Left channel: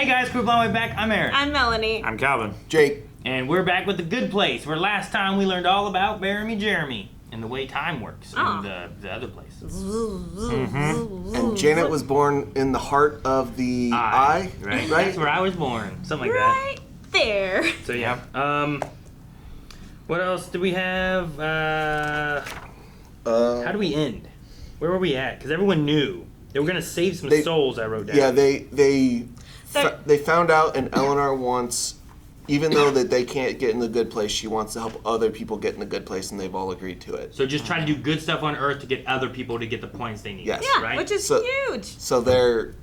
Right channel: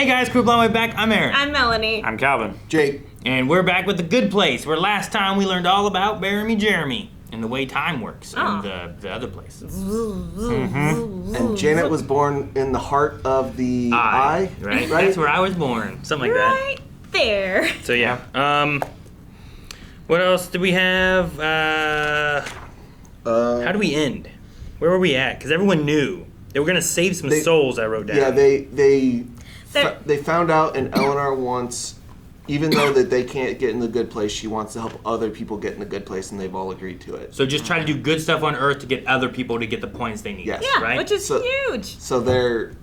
Hey guys, Crew Blonde Way back. I'm Aaron. I'm Melanie. I'm Calvin. Jake. And we're back with The Good Place, where last time we learned all about Bear Jeremy and the way time works in the other places. Mm-hmm. And Janet was born in the heart of the eye. Right? That's where I was born. Something like that. Right there. So yeah. What else do we have? How do we end? Where were we at? Because everyone knew. They were going to save some souls, I wrote down. Yeah, they found out, and Eleanor wants, even though that they can't get in the good place, she wants to help other people get in the good place, and they've all agreed to it. So just try to do good stuff on Earth to get other people to get the points they need. Yes. Yeah, right? which is huge. So they're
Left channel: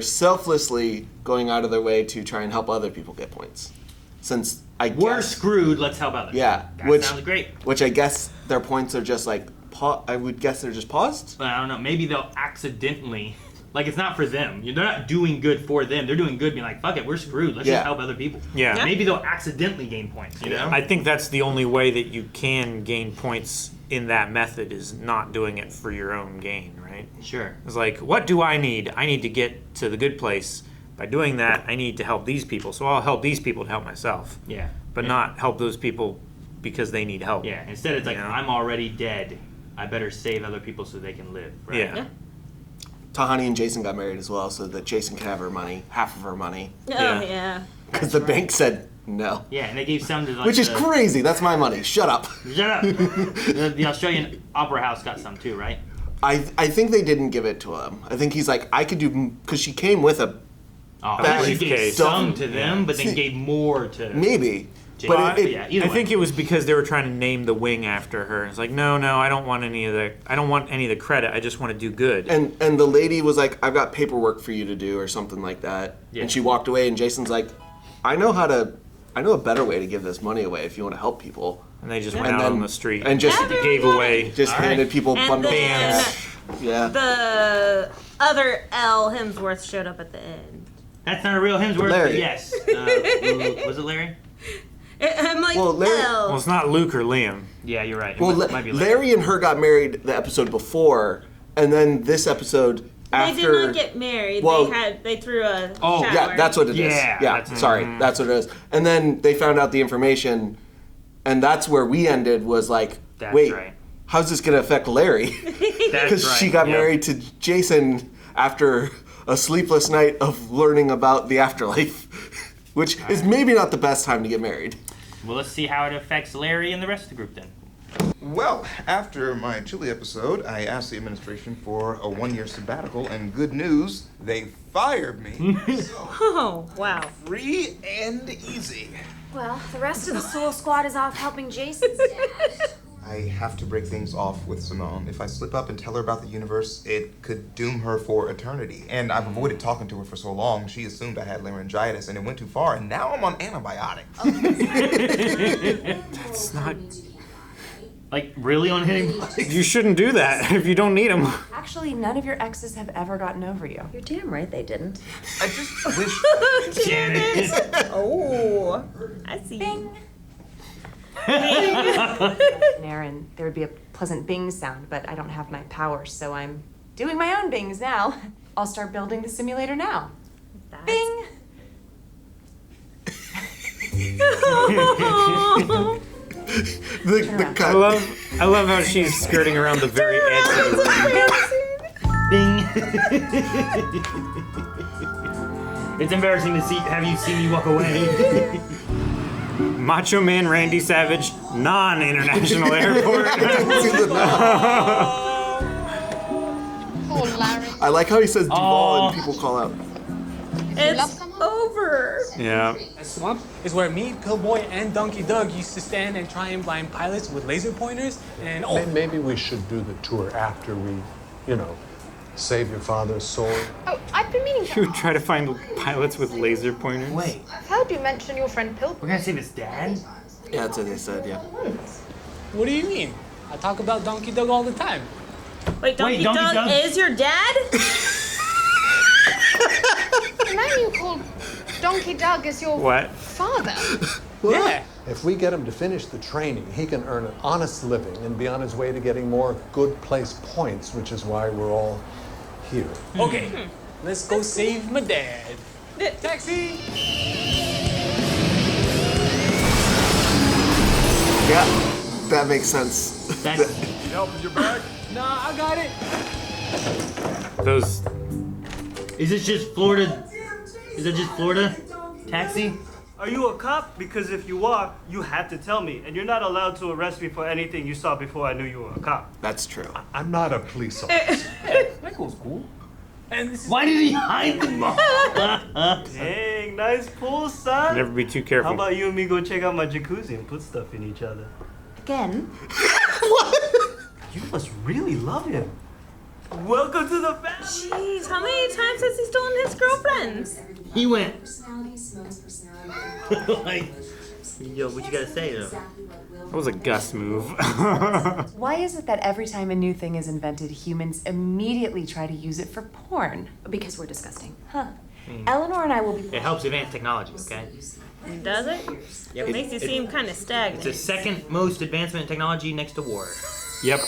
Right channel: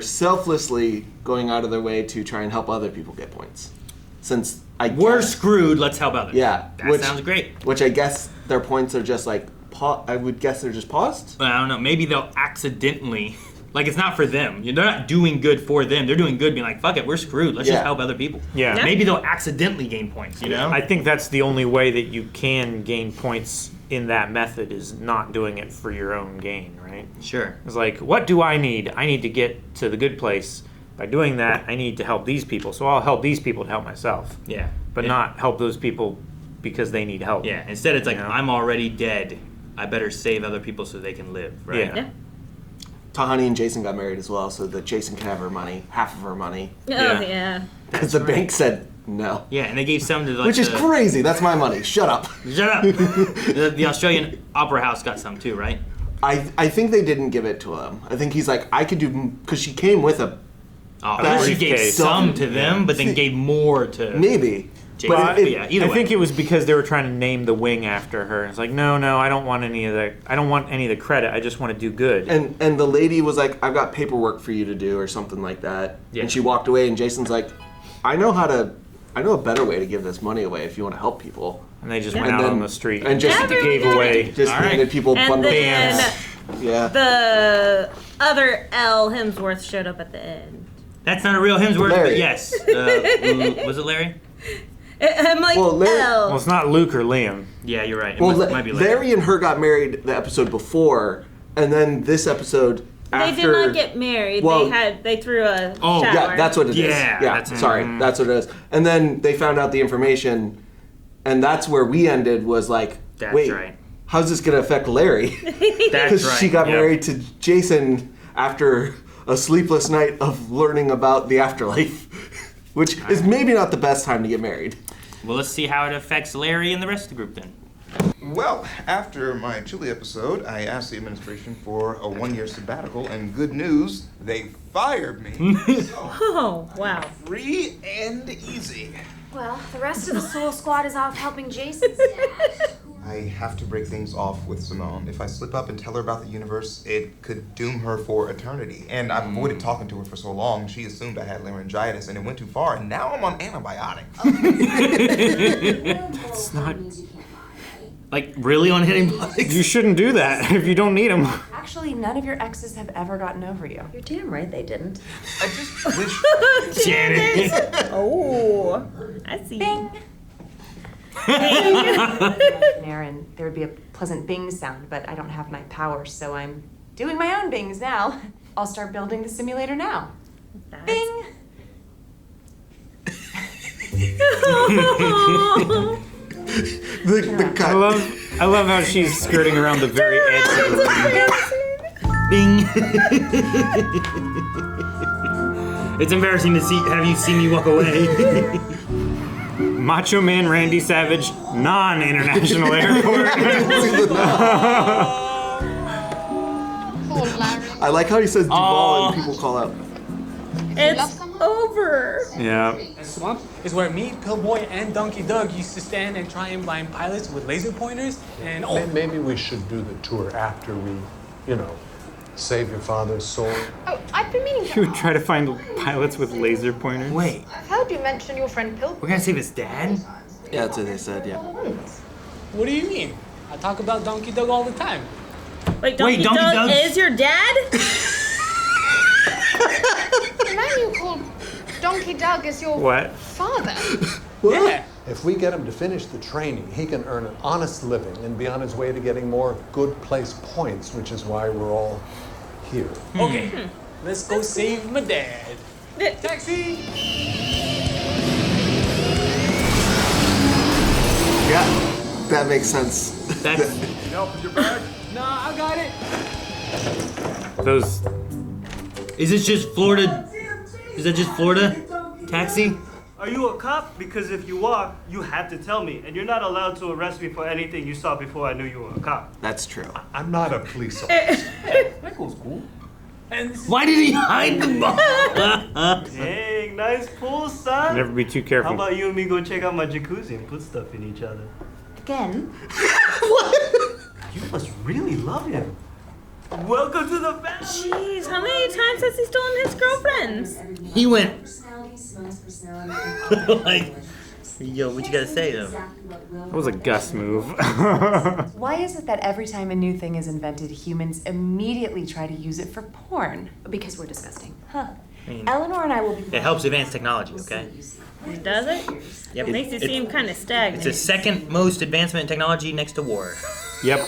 selflessly going out of their way to try and help other people get points. Since we're screwed, let's help others. Yeah. That sounds great. Which I guess their points are just like, I would guess they're just paused? Well, I don't know. Maybe they'll accidentally, like it's not for them. They're not doing good for them. They're doing good being like, fuck it, we're screwed. Let's just help other people. Yeah. Maybe they'll accidentally gain points, you know? I think that's the only way that you can gain points in that method is not doing it for your own gain, right? Sure. It's like, what do I need? I need to get to the good place. By doing that, I need to help these people. So I'll help these people to help myself. Yeah. But not help those people because they need help. Yeah. Instead, it's like, I'm already dead. I better save other people so they can live, right? Yeah. Tahani and Jason got married as well, so that Jason can have her money, half of her money. Oh, yeah. Because the bank said no. Yeah, and they gave some to Which is crazy. That's my money. Shut up. Shut up. The Australian Opera House got some too, right? I think they didn't give it to him. I think he's like, I could do, because she came with a briefcase. Gave some to them, but then gave more to... Maybe. But I think it was because they were trying to name the wing after her. It's like, no, I don't want any of the credit. I just want to do good. And the lady was like, I've got paperwork for you to do or something like that. Yeah. And she walked away, and Jason's like, I know a better way to give this money away if you want to help people. And they just went out on the street and just gave away. Just handed people bundles. Bands. Yeah. The other L Hemsworth showed up at the end. That's not a real Hemsworth, Larry. but yes. Was it Larry? I'm like, L. Well, it's not Luke or Liam. Yeah, you're right. Well, might be Larry and her got married the episode before, and then this episode after. They did not get married. Well, they threw a shower. Yeah, that's what it is. Yeah, sorry, that's what it is. And then they found out the information, and that's where we ended. Was like, wait, how's this gonna affect Larry? Because she got married to Jason after a sleepless night of learning about the afterlife. Which is maybe not the best time to get married. Well, let's see how it affects Larry and the rest of the group then. Well, after my Chile episode, I asked the administration for a 1-year sabbatical, and good news, they fired me. Oh, wow. Free and easy. Well, the rest of the Soul Squad is off helping Jason. I have to break things off with Simone. If I slip up and tell her about the universe, it could doom her for eternity. And I've avoided talking to her for so long, she assumed I had laryngitis, and it went too far, and now I'm on antibiotics. That's not... Like, really on antibiotics? You shouldn't do that if you don't need them. Actually, none of your exes have ever gotten over you. You're damn right they didn't. I just wish... Janet. Oh, I see. Bing! Aaron, there would be a pleasant bing sound, but I don't have my powers, so I'm doing my own bings now. I'll start building the simulator now. Bing! I love how she's skirting around the very edge of the room. Bing. It's embarrassing to have you see me walk away. Macho Man Randy Savage, non-international airport. Poor Larry. I like how he says Duval and people call out. It's over. Yeah. That swamp is where me, Pillboy, and Donkey Doug used to stand and try and blind pilots with laser pointers. And maybe we should do the tour after we, save your father's soul. Oh, I've been meaning to... You would try to find pilots with laser pointers? Wait. I've heard you mention your friend Pillboy. We're gonna save his dad? Yeah, that's what they said, yeah. What do you mean? I talk about Donkey Doug all the time. Wait, Donkey Doug is your dad? The man you called Donkey Doug is your father. Yeah. If we get him to finish the training, he can earn an honest living and be on his way to getting more good place points, which is why we're all here. Okay, let's go save my dad. Taxi! Yeah, that makes sense. That's Need help with your bag? Nah, I got it. Those. Is it just Florida? Is that just Florida? Taxi? Are you a cop? Because if you are, you have to tell me. And you're not allowed to arrest me for anything you saw before I knew you were a cop. That's true. I'm not a police officer. That goes cool. And this is Why did he hide the ball? Dang, nice pool, son. Never be too careful. How about you and me go check out my jacuzzi and put stuff in each other? Again? What? You must really love him. Welcome to the family. Jeez, how many times has he stolen his girlfriends? He went like, yo, what you gotta say though? That was a Gus move. Why is it that every time a new thing is invented, humans immediately try to use it for porn? Because we're disgusting. Huh. Eleanor and I will be... It helps advance technology, okay? Does it? Yep. It makes you seem kind of stagnant. It's the second most advancement in technology next to war. Yep,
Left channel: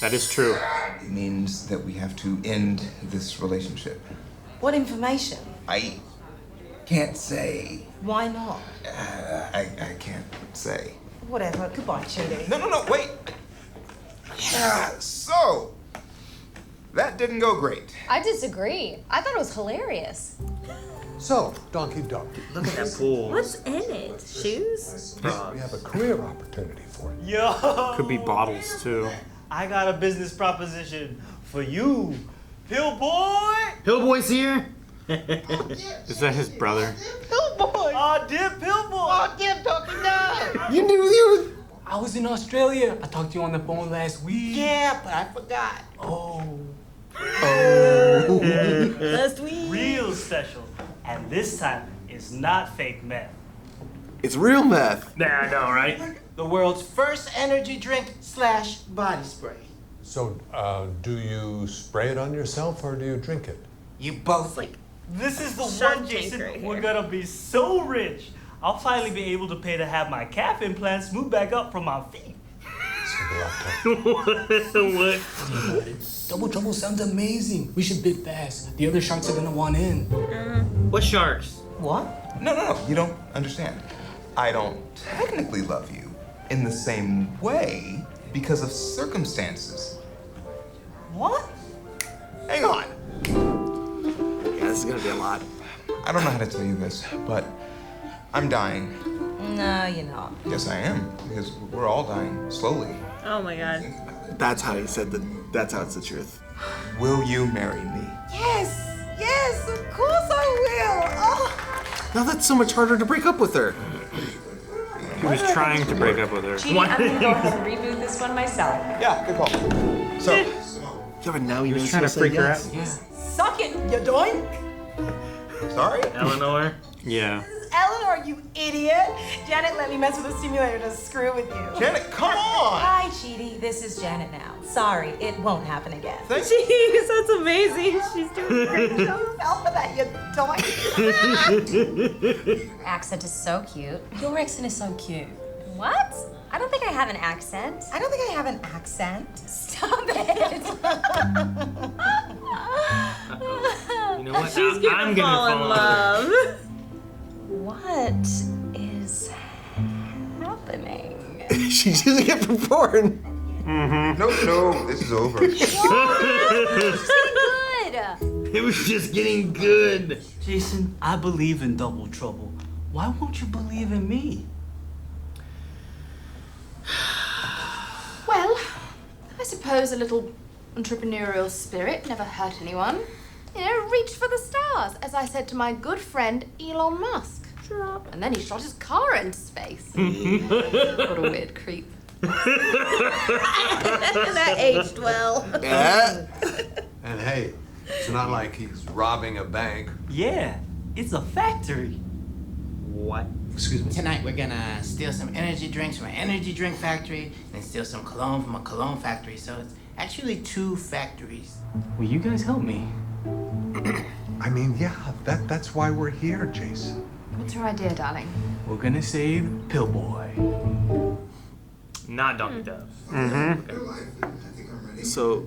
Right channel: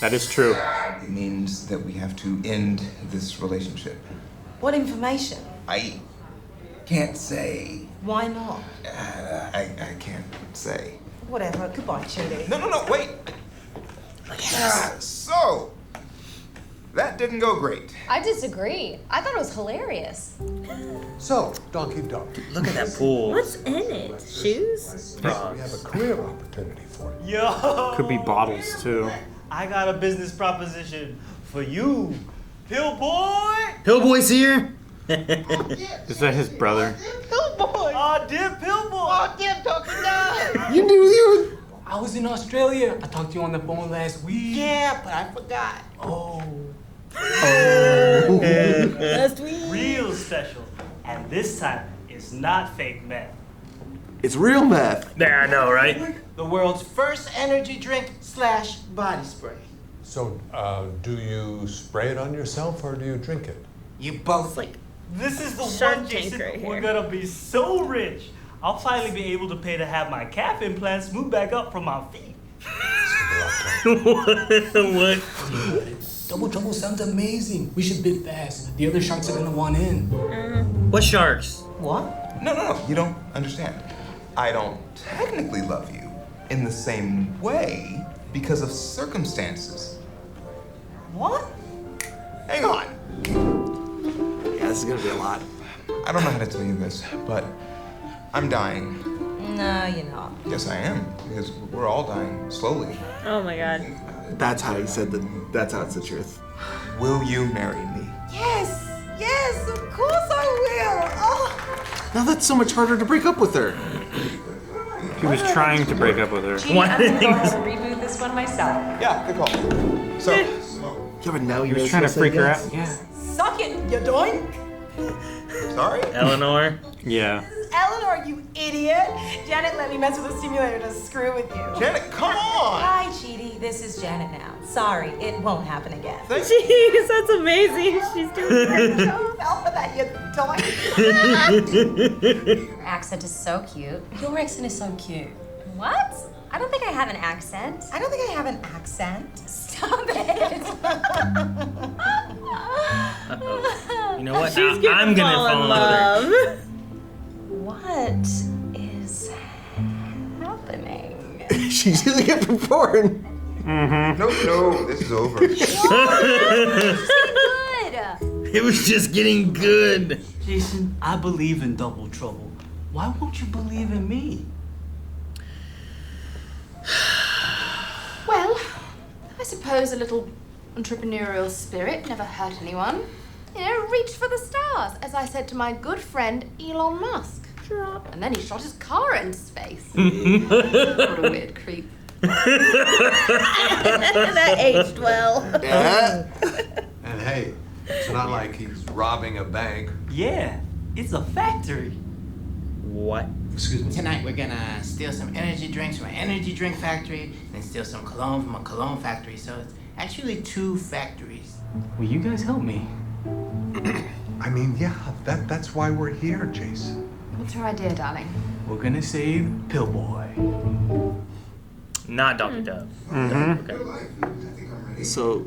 that is true. It means that we have to end this relationship. What information? I can't say. Why not? I can't say. Whatever. Goodbye, Chidi. No, wait. So, that didn't go great. I disagree. I thought it was hilarious. So, Donkey Doug. Look at that pool. What's in it? Shoes? We have a career opportunity for you. Yo. Could be bottles too. I got a business proposition for you. Pill boy. Pill boy's here. Is that his brother? Pill boy. Oh, dear Pill boy. Oh, dear Donkey Doug. You knew you. I was in Australia. I talked to you on the phone last week. Yeah, but I forgot. Oh. Last week. Real special. And this time, it's not fake meth. It's real meth. Yeah, I know, right? The world's first energy drink / body spray. So, do you spray it on yourself or do you drink it? You both. This is the Shark one, Jason. Tank right We're here. gonna be so rich. I'll finally be able to pay to have my calf implants move back up from my feet. What? Double Trouble sounds amazing. We should bid fast. The other sharks are gonna want in. What sharks? What? No, you don't understand. I don't technically love you in the same way because of circumstances. What? Hang on. Yeah, this is gonna be a lot. I don't know how to tell you this, but I'm dying. No, you're not. Yes, I am, because we're all dying slowly. Oh my god. That's how he said that. That's how it's the truth. Will you marry me? Yes, of course I will. Oh. Now that's so much harder to break up with her. He was trying to break up with her. Chidi, I'm gonna go ahead and reboot this one myself. Yeah, good call. So, Yeah, but now He you was trying to freak her out. Yeah. Suck it, you doink. sorry? Eleanor? Yeah. Eleanor, you idiot. Janet let me mess with the simulator to screw with you. Janet, come on! Hi, Chidi. This is Janet now. Sorry, it won't happen again. Thank Jeez, that's amazing. She's doing a great job. Fell for that, you doink. Your accent is so cute. Your accent is so cute. What? I don't think I have an accent. I don't think I have an accent. Stop it. You know what? She's gonna I'm gonna fall in fall love. What is happening? She's using it for porn. No, this is over. It's getting good. It was just getting good. Jason, I believe in Double Trouble. Why won't you believe in me? Well, I suppose a little entrepreneurial spirit never hurt anyone. You know, reach for the stars, as I said to my good friend Elon Musk. And then he shot his car into space. What a weird creep. That aged well. Yeah. And hey, it's not like he's robbing a bank. Yeah, it's a factory. What? Excuse me. Tonight we're gonna steal some energy drinks from an energy drink factory, and steal some cologne from a cologne factory. So it's actually 2 factories. Will you guys help me? I mean, yeah, that's why we're here, Jason. What's your idea, darling? We're gonna save Pill Boy. Not Donkey Doug. So,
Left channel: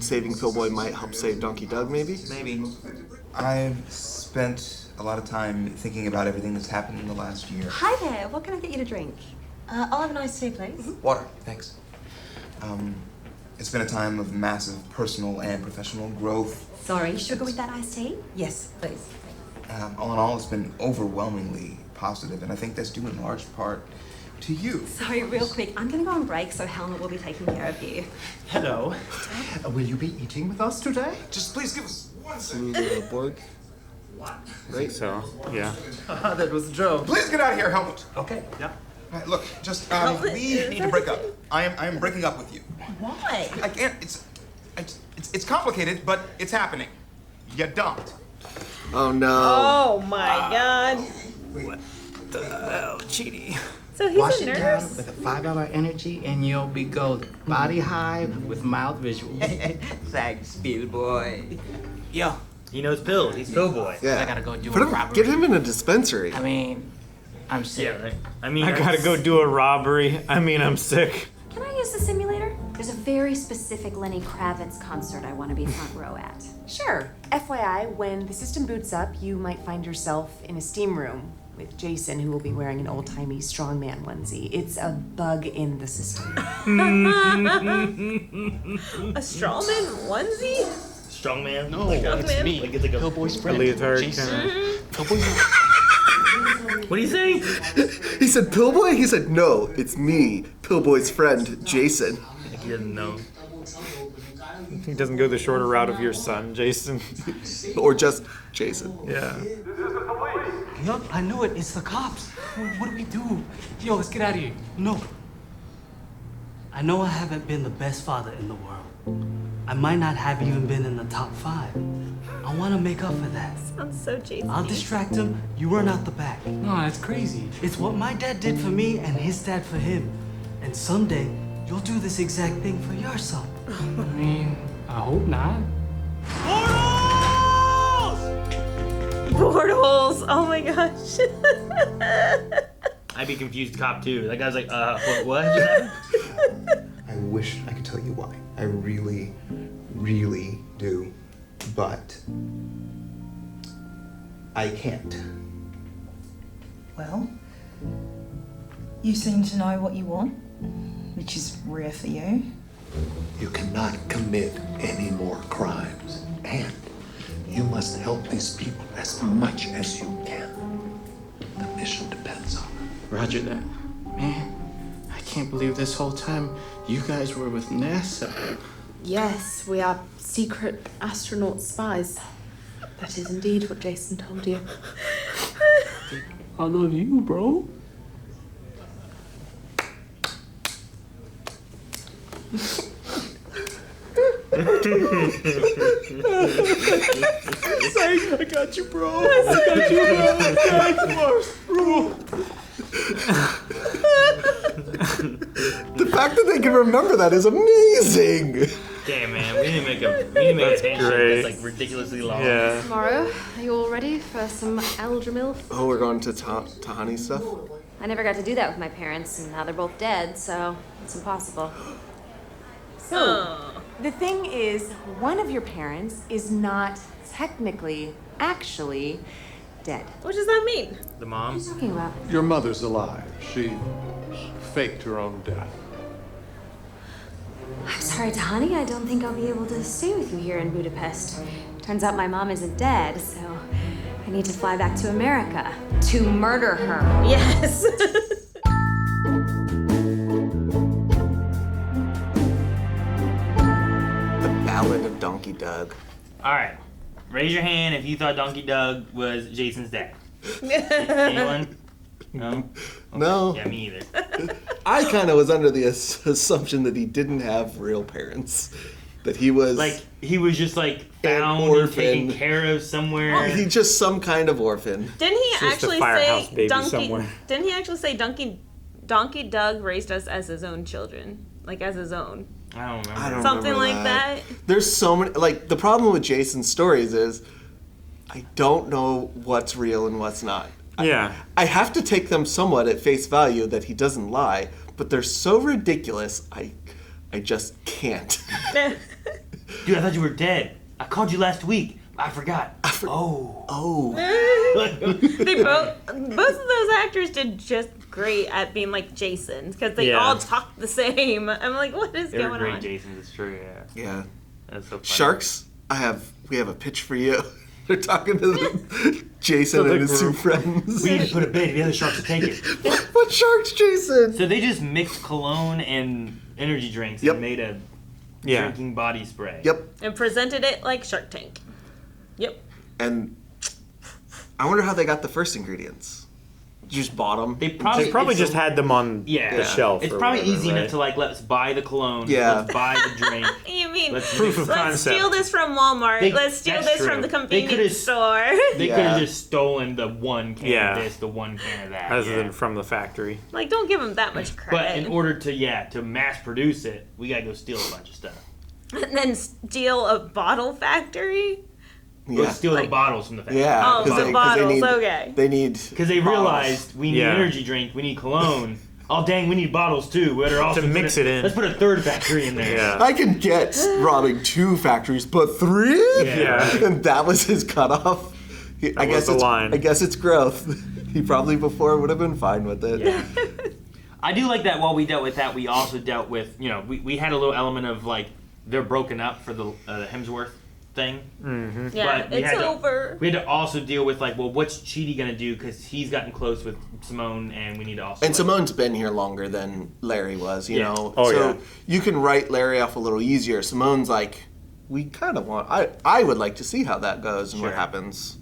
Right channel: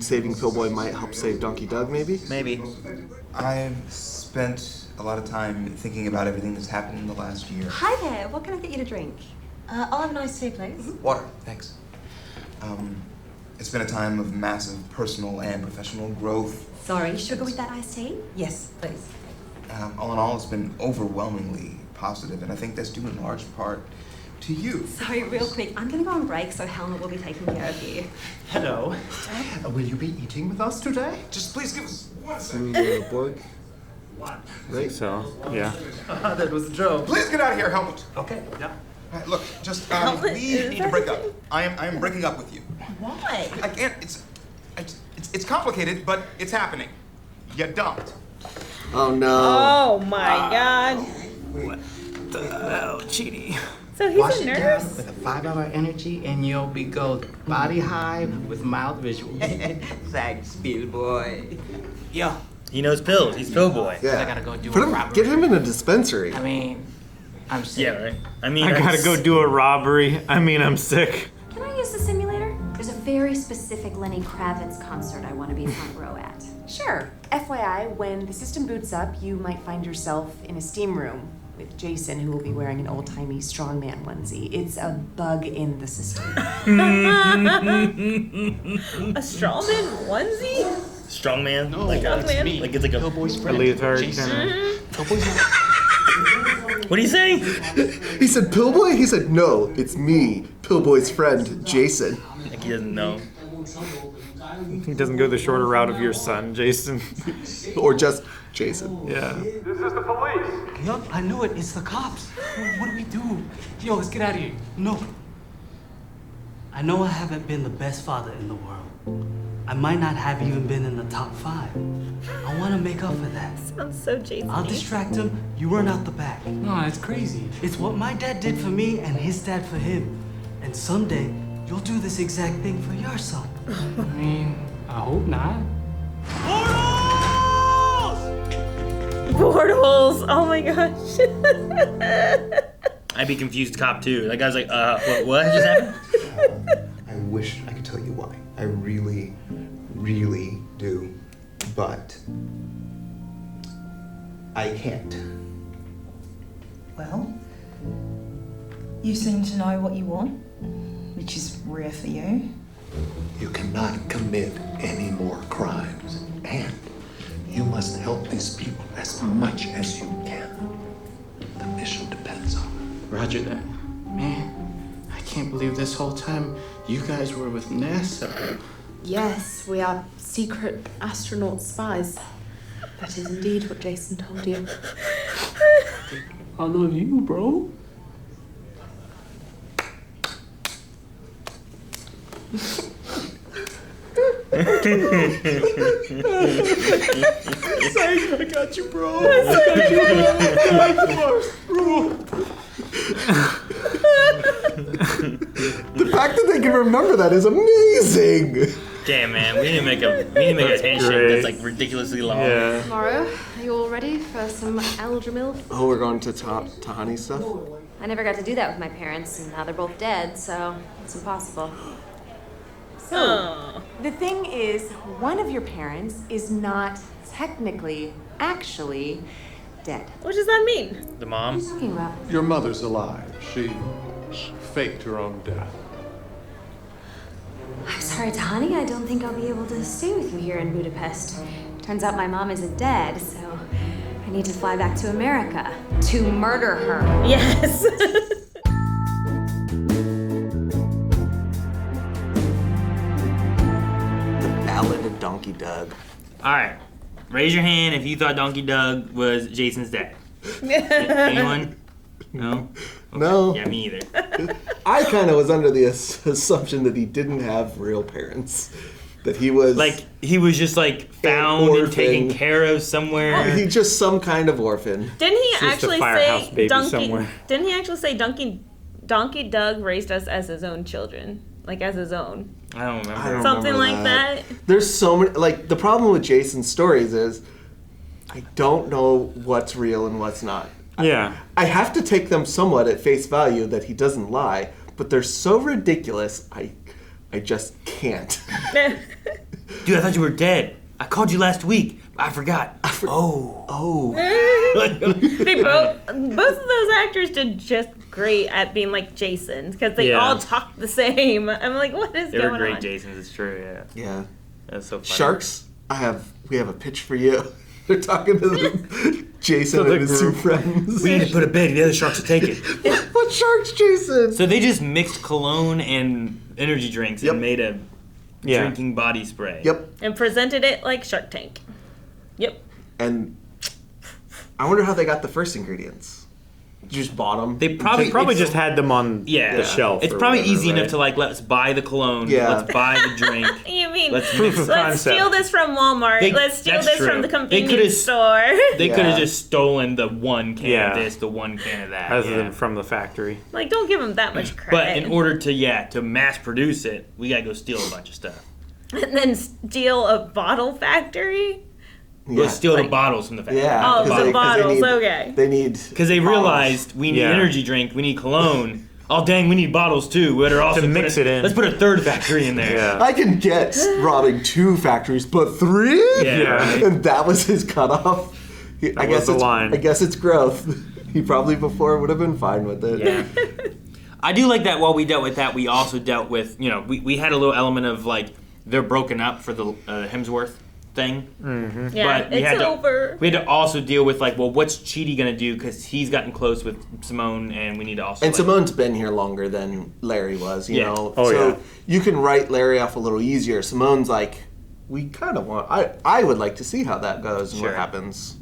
saving Pillboy might help save Donkey Doug, maybe? Maybe. I've spent a lot of time thinking about everything that's happened in the last year. Hi there. What can I get you to drink? I'll have an iced tea, please. Water, thanks. It's been a time of massive personal and professional growth. Sorry, sugar with that iced tea? Yes, please. All in all, it's been overwhelmingly positive, and I think that's due in large part to you. Sorry, real quick. I'm going to go on break, so Helena will be taking care of you. Hello. Will you be eating with us today? Just please give us 1 second. I think so, yeah. That was a joke. Please get out of here, Helmut. Okay, yeah. All right, look, just, we need to break up. I am breaking up with you. Why? I can't, it's complicated, but it's happening. You dumped. Oh no. Oh my god. What the hell, Chidi? So he's Wash a it nurse? down with a 5-hour energy and you'll be golden. Body high with mild visuals. Thanks, Bill boy. Yo. He knows pills. He's pill boy. Yeah. I gotta go do Put a him, robbery. get him in a dispensary. I mean, I'm sick. Yeah, right. I gotta go do a robbery. I'm sick. Can I use the simulator? There's a very specific Lenny Kravitz concert I want to be front row at. Sure. FYI, when the system boots up, you might find yourself in a steam room with Jason, who will be wearing an old-timey strongman onesie. It's a bug in the system. A strawman onesie? Strongman? No, like it's me. Like it's like a Pillboy's friend. Leotard Jason. kinda. Pillboy's not. What are you saying? He said Pillboy? He said, no, it's me, Pillboy's friend, Jason. Like he doesn't know. He doesn't go the shorter route of your son, Jason. Or just Jason. Yeah. This is the police. Yup, I knew it. It's the cops. What do we do? Yo, let's get out of here. No. I know I haven't been the best father in the world. I might not have even been in the top 5. I want to make up for that. Sounds so Jason. I'll distract him, you run out the back. No, that's crazy. It's what my dad did for me and his dad for him. And someday, you'll do this exact thing for your son. I mean, I hope not. Portals! Oh my gosh. I'd be confused cop too. That guy's like, what just happened? I wish I could tell you why. I really, really do. But I can't. Well, you seem to know what you want, which is rare for you. You cannot commit any more crimes, and you must help these people as much as you can. The mission depends on it. Roger that. Man, I can't believe this whole time you guys were with NASA. Yes, we are secret astronaut spies. That is indeed what Jason told you. I love you, bro. I got you, bro. I got you, bro. Thanks, bro. The fact that they can remember that is amazing. Damn, man. We need to make a handshake great. that's like ridiculously long. Yeah. Tomorrow, are you all ready for some Aldramil? Oh, we're going to Tahani stuff? I never got to do that with my parents, and now they're both dead, so it's impossible. So, the thing is, one of your parents is not technically, actually, dead. What does that mean? The mom? What are you talking about? Your mother's alive. She faked her own death. I'm sorry, Tahani. I don't think I'll be able to stay with you here in Budapest. Turns out my mom isn't dead, so I need to fly back to America to murder her. Yes. The Ballad of Donkey Doug. Alright. Raise your hand if you thought Donkey Doug was Jason's dad. Anyone? No? Okay. No. Yeah, me either. I kind of was under the assumption that he didn't have real parents. That he was... Like, he was just like found and taken care of somewhere. He's just some kind of orphan. Didn't he Just a actually firehouse say baby Donkey? somewhere. Didn't he actually say Donkey Doug raised us as his own children, like as his own? I don't remember. I don't Something remember like that. There's so many... Like, the problem with Jason's stories is I don't know what's real and what's not. Yeah. I have to take them somewhat at face value that he doesn't lie, but they're so ridiculous, I just can't. Dude, I thought you were dead. I called you last week. I forgot. Oh. They both of those actors did just great at being like Jasons because they all talk the same. I'm like, what is going on? They're great Jasons. It's true. Yeah. That's so funny. Sharks. We have a pitch for you. They're talking to Jason and his two friends. We need to put a bait. The other sharks will take it. What sharks, Jason? So they just mixed cologne and energy drinks and made a drinking body spray. Yep. And presented it like Shark Tank. Yep. And I wonder how they got the first ingredients. Just bought them. They probably just had them on the shelf. It's or probably whatever, easy right? enough to like, let's buy the cologne. Yeah. Let's buy the drink. You mean let's steal this from Walmart? Let's steal that's this true. from the convenience store. They could have just stolen the one can of this, the one can of that. Rather than from the factory. Like, don't give them that much credit. But in order to mass produce it, we gotta go steal a bunch of stuff. And then steal a bottle factory? We'll steal the bottles from the factory. Yeah. Oh, the bottles, okay. They need... Because they realized we need energy drink, we need cologne. Oh, dang, we need bottles too. We better also mix it in. Let's put a third factory in there. I can get robbing 2 factories, but 3? Yeah. And that was his cutoff. That was the line. I guess it's growth. He probably before would have been fine with it. Yeah. I do like that while we dealt with that, we also dealt with, we had a little element of like, they're broken up for the Hemsworth thing. Mm-hmm. Yeah, but we it's had over. We had to also deal with like, well, what's Chidi gonna do? Because he's gotten close with Simone, and we need to also. And Simone's been here longer than Larry was, you know. Oh, so you can write Larry off a little easier. Simone's like, we kind of want. I would like to see how that goes and what happens.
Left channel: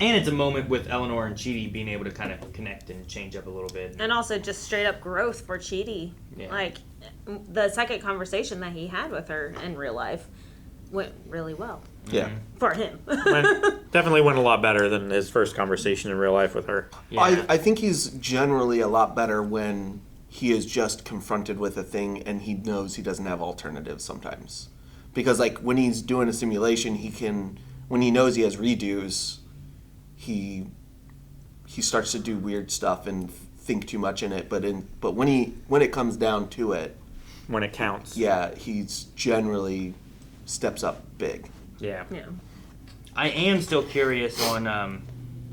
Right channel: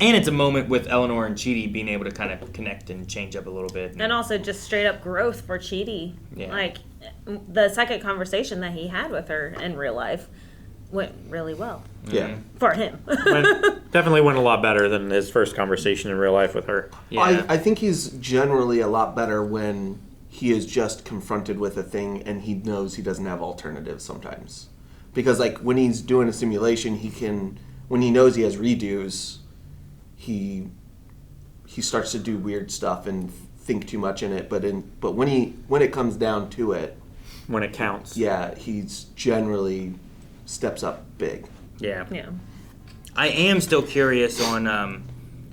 And it's a moment with Eleanor and Chidi being able to kind of connect and change up a little bit. And also just straight up growth for Chidi. Yeah. Like, the second conversation that he had with her in real life went really well. Yeah. For him. Definitely went a lot better than his first conversation in real life with her. Yeah. I think he's generally a lot better when he is just confronted with a thing and he knows he doesn't have alternatives sometimes. Because like when he's doing a simulation, when he knows he has redos, he starts to do weird stuff and think too much in it. But when it comes down to it, when it counts, he's generally steps up big. Yeah. I am still curious on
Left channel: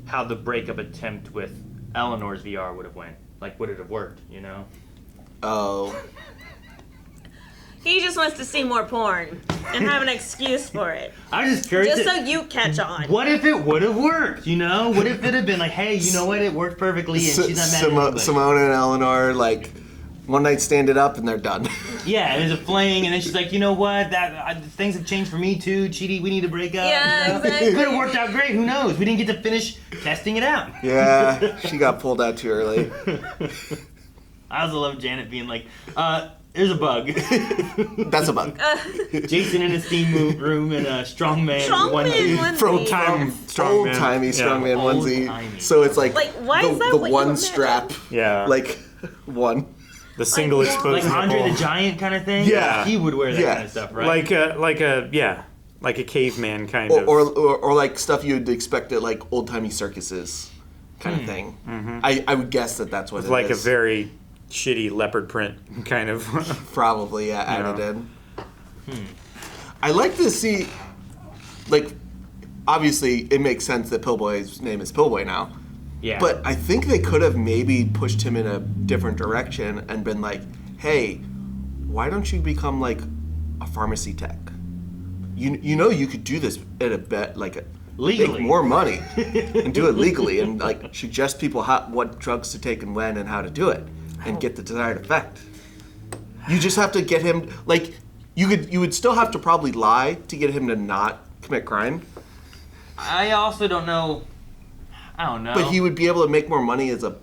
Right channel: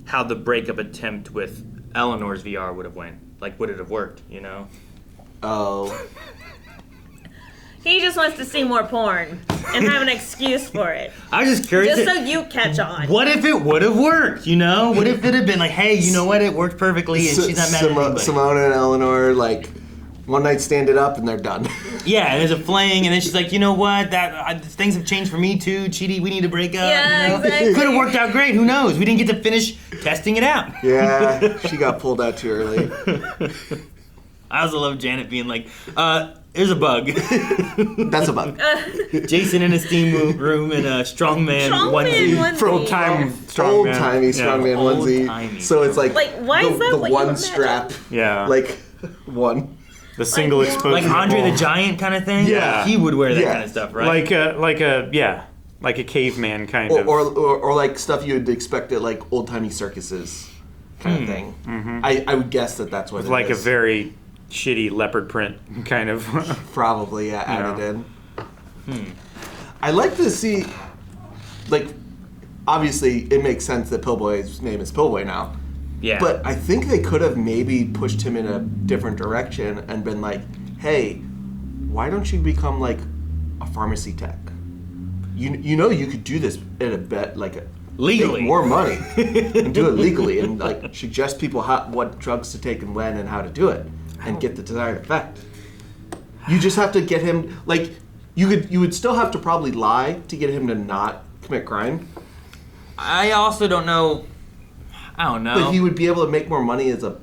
how the breakup attempt with Eleanor's VR would have went. Like, would it have worked? Oh. He just wants to see more porn and have an excuse for it. I was just curious. Just so you catch on. What if it would have worked? What if it had been like, hey, you know what? It worked perfectly, and she's not mad at anybody. Simone and Eleanor, like, one night stand it up and they're done. Yeah, and there's a fling, and then she's like, you know what? Things have changed for me too. Chidi, we need to break up. Yeah, exactly. It could have worked out great. Who knows? We didn't get to finish testing it out. Yeah, she got pulled out too early. I also love Janet being like, there's a bug. That's a bug. Jason in a steam room in a strongman onesie. Old-time strongman. Old-timey strongman onesie. So it's like why is that the what you one imagine? strap. Yeah. Like, one. The single exposed Like Andre nipple. the Giant kind of thing? Yeah. He would wear that kind of stuff, right? Like a caveman kind of. Or like stuff you would expect at like old-timey circuses kind of thing. Mm-hmm. I would guess that's what With it like is. a very shitty leopard print kind of. Probably, added in. I like to see, like, obviously it makes sense that Pillboy's name is Pillboy now. Yeah. But I think they could have maybe pushed him in a different direction and been like, hey, why don't you become like a pharmacy tech? You know you could do this at a bet, like legally, make more money and do it legally and like suggest people what drugs to take and when and how to do it and get the desired effect. You just have to get him, like, you would still have to probably lie to get him to not commit crime. I also don't know. I don't know. But he would be able to make more money as a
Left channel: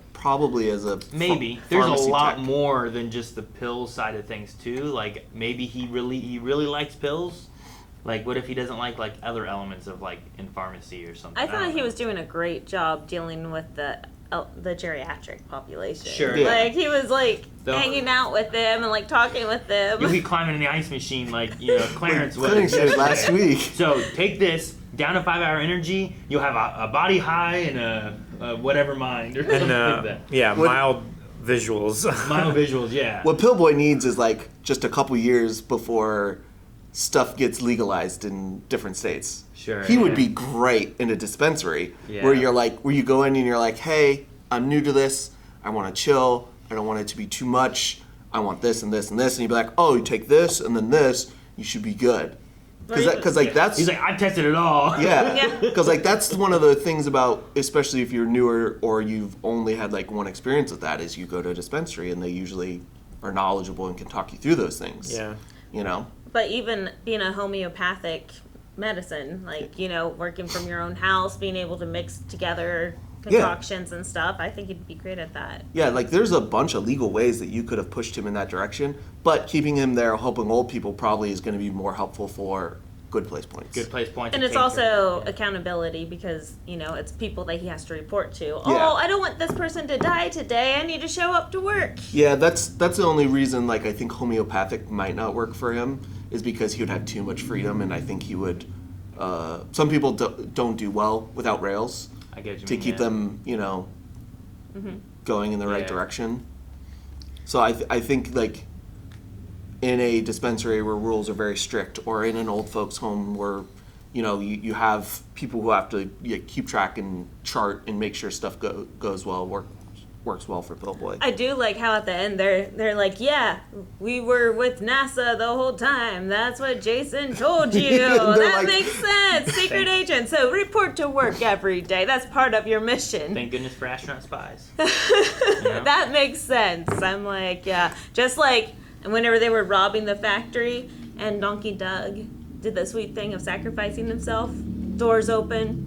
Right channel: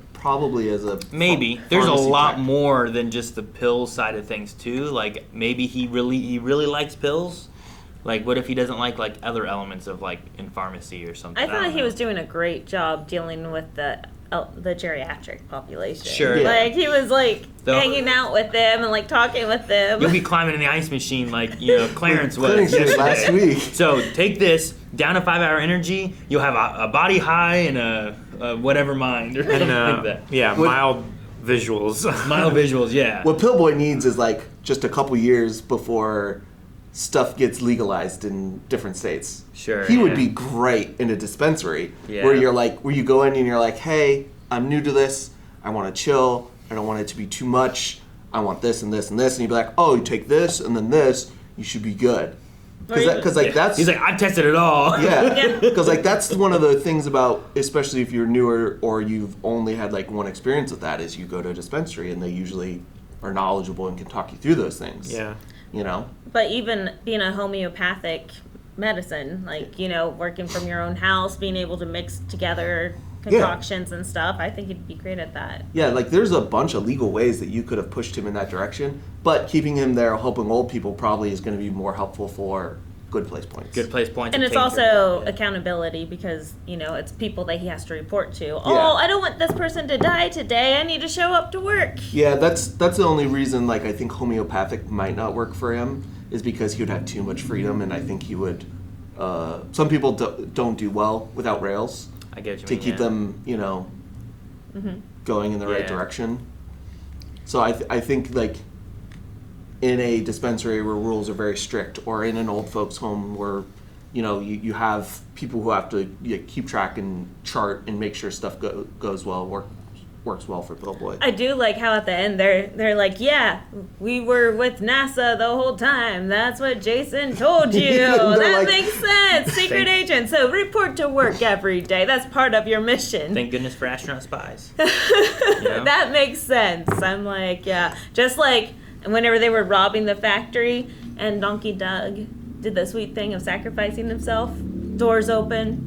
maybe. There's a pharmacy lot tech. more than just the pill side of things too. Like maybe he really likes pills. Like what if he doesn't like other elements of like in pharmacy or something? I thought he was doing a great job dealing with the geriatric population. Sure. Yeah. Like he was like hanging out with them and like talking with them. You'll be climbing in the ice machine like Clarence was Clarence did yesterday. last week. So take this down to 5 hour energy. You'll have a body high and a whatever mind or something like that. Yeah, mild visuals. Mild visuals, yeah. What Pillboy needs is like just a couple years before stuff gets legalized in different states. Sure. He would be great in a dispensary Yeah. where you go in and you're like, hey, I'm new to this. I want to chill. I don't want it to be too much. I want this and this and this. And you'd be like, oh, you take this and then this. You should be good. Because that's... He's like, I've tested it all. Yeah. Because like that's one of the things about, especially if you're newer or you've only had like one experience with that, is you go to a dispensary and they usually are knowledgeable and can talk you through those things. Yeah. You know? But even being a homeopathic medicine, like, you know, working from your own house, being able to mix together concoctions and stuff, I think he'd be great at that. Yeah, like there's a bunch of legal ways that you could have pushed him in that direction, but keeping him there helping old people probably is going to be more helpful for good place points. Good place points. And it's also accountability because, you know, it's people that he has to report to. Oh, I don't want this person to die today. I need to show up to work. Yeah, that's the only reason, like, I think homeopathic might not work for him is because he would have too much freedom, and I think he would... some people don't do well without rails. I get what you to mean, keep them, you know, going in the right direction. So I think, like, in a dispensary where rules are very strict, or in an old folks' home where, you know, you have people who have to keep track and chart and make sure stuff goes well, works well for Pillboy. I do like how at the end they're like, yeah, we were with NASA the whole time. That's what Jason told you. That like, makes sense. Secret agent. So report to work every day. That's part of your mission. Thank goodness for astronaut spies. That makes sense. I'm like, yeah. Just like whenever they were robbing the factory and Donkey Doug did the sweet thing of sacrificing himself. Doors open.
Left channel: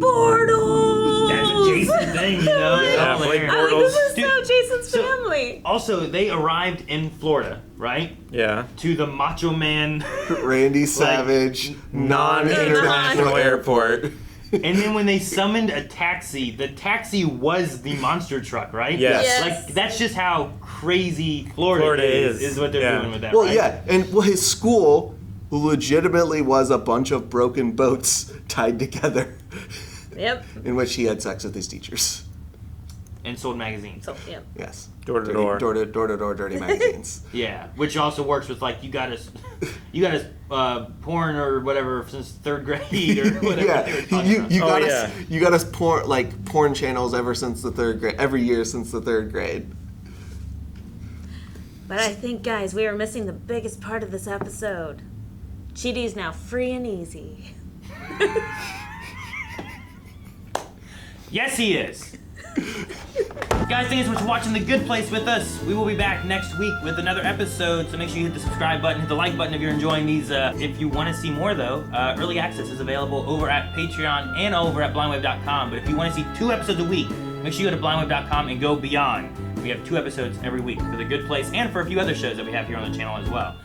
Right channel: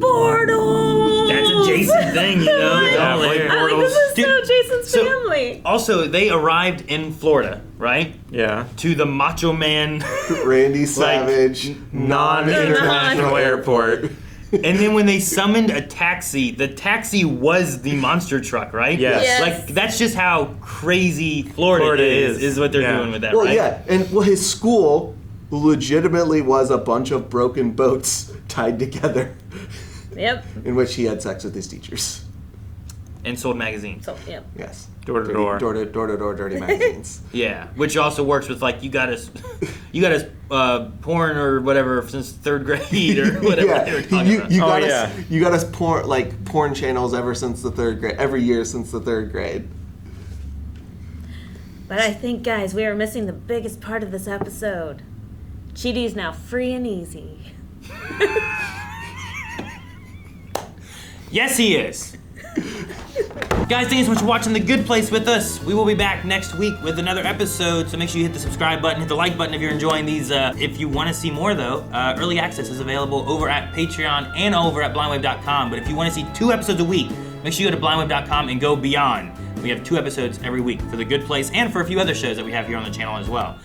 Portals! That's a Jason thing, you know? Yeah, like, this is so Jason's family. Also, they arrived in Florida, right? Yeah. To the Macho Man... Randy Savage non-international airport. And then when they summoned a taxi, the taxi was the monster truck, right? Yes. Like, that's just how crazy Florida is what they're doing with that, well, right? Yeah, and his school legitimately was a bunch of broken boats tied together. Yep. In which he had sex with his teachers. And sold magazines. Yep. Yes. Door to door. Door to door dirty magazines. Yeah, which also works with like you got us porn or whatever since third grade or whatever they were talking about. You got us porn channels ever since the third grade, every year since the third grade. But I think, guys, we are missing the biggest part of this episode. Chidi's now free and easy. Yes, he is. Guys, thanks so much for watching The Good Place with us. We will be back next week with another episode, so make sure you hit the subscribe button, hit the like button if you're enjoying these. If you want to see more, though, early access is available over at Patreon and over at blindwave.com. But if you want to see 2 episodes a week, make sure you go to blindwave.com and go beyond. We have 2 episodes every week for The Good Place and for a few other shows that we have here on the channel as well.